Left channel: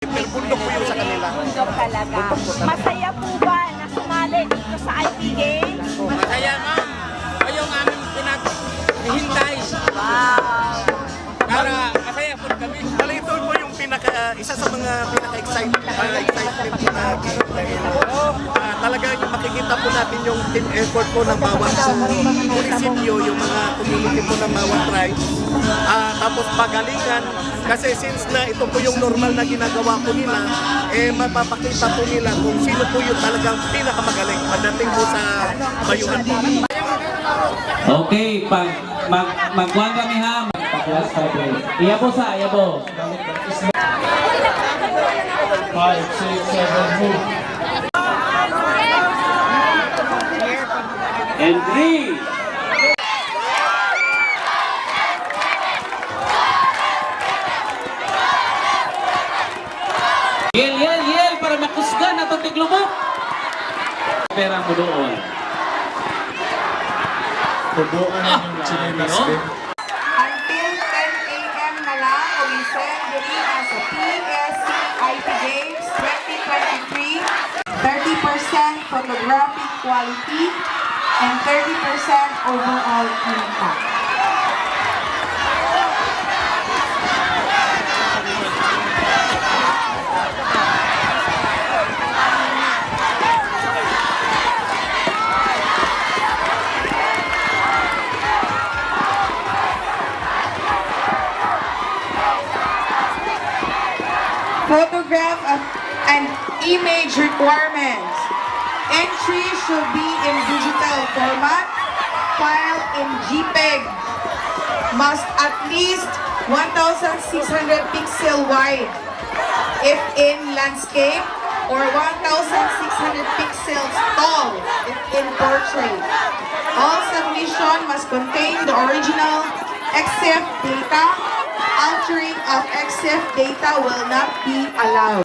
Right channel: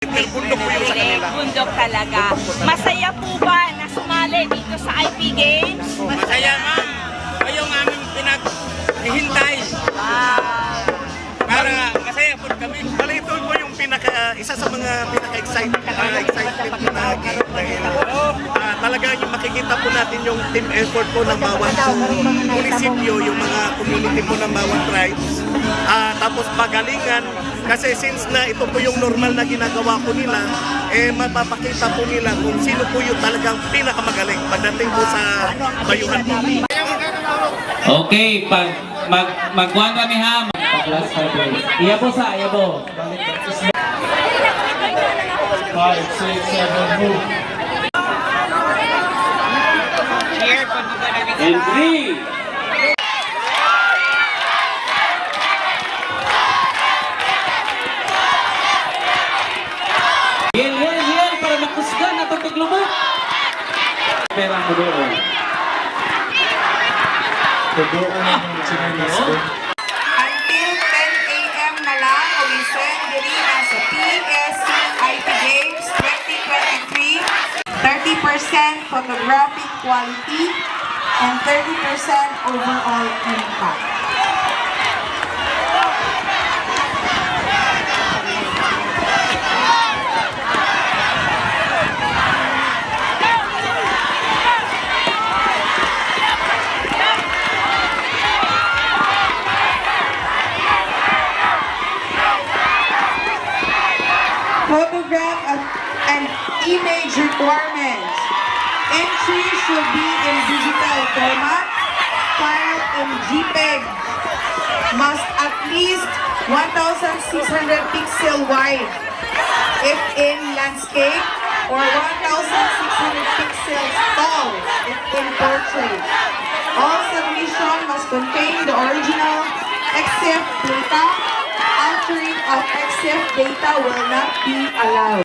Bundok po yung sa kanila. Bundok talaga. Masaya po ba na sumali dito sa IP Games? Masaya, ma'am. Yung aming pinaghihintay. Wow. Para masaya po kami. Bali, ito po yung isa sa mga pinaka-excitement po na game. Dahil talaga yung makikita po natin yung team effort po ng bawat munisipyo, yung mga community po ng bawat tribes. Tapos pagalingan, kasi since na ito po yung normal na ginagawa po nila, mapapakita po nila kung sino po yung talagang pinakamagaling pagdating po sa bayuhan po. Okay, magkuhan kami ha. Class 5. Iya po sa, iya po. 5, 6, 7, move. And 3. Yel, para makusgan na itong tiglubok. Pera mo doon. Until 10 a.m. na lang, ulisin diri sa PSIP Games 2023, 30% photographic quality and 30% overall impact. Photograph and image requirements. Entry should be in digital format, file in JPEG. Must at least 1,600 pixel wide if in landscape or 1,600 pixels tall if in portrait. All submission must contain the original EXIF data. Altering of EXIF data will not be allowed.